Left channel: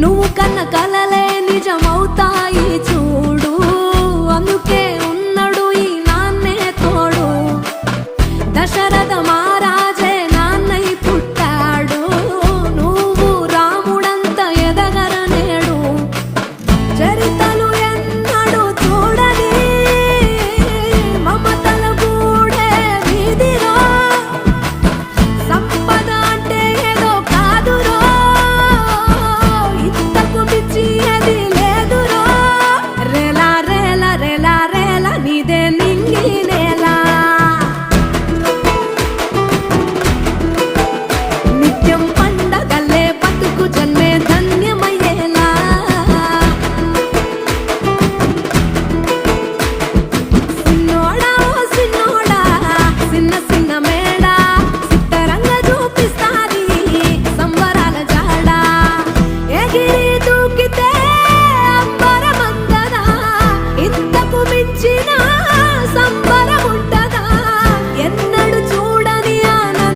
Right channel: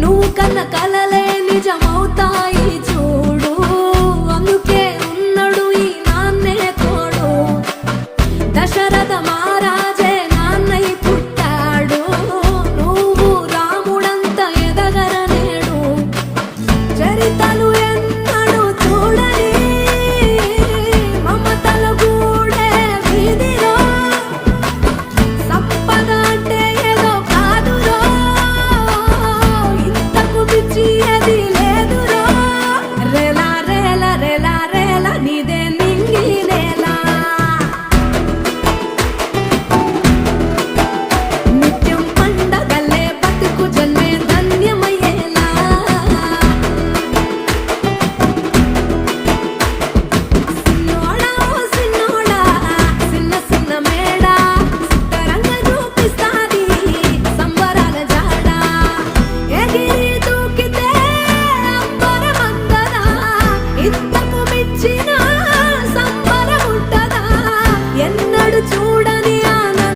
నువ్వు కన్న కలలే నిజమవుతాయి చూడు, అందుకే ఉన్నాడు ఈ నాన్నే తోడు. దశరథ మహారాజే నాన్నై పుట్టాడు, నువ్వు రాముడంత ఎదగరనేడు. చరితలు ఎన్నడు చూడని మమతల గూడే వీధిరో, సంపద అంటే ఏదో కాదురో, ఇంతకు మించి అది లేదురో. రేలా రేలా రేలా రేలా నీదే నింగి నేలా, నిత్యం పండగల్లే బతుకు జన్మే ధన్యమయ్యేలా. సిన్నోడా ఓ సిన్నోడా సిన్న సిన్న మేడా, సిత్తరంగా చూపిస్తాది సంబరాల జాడా. ఎగిరి దూకితే అంబరమందదా, ఇంతకు మించిన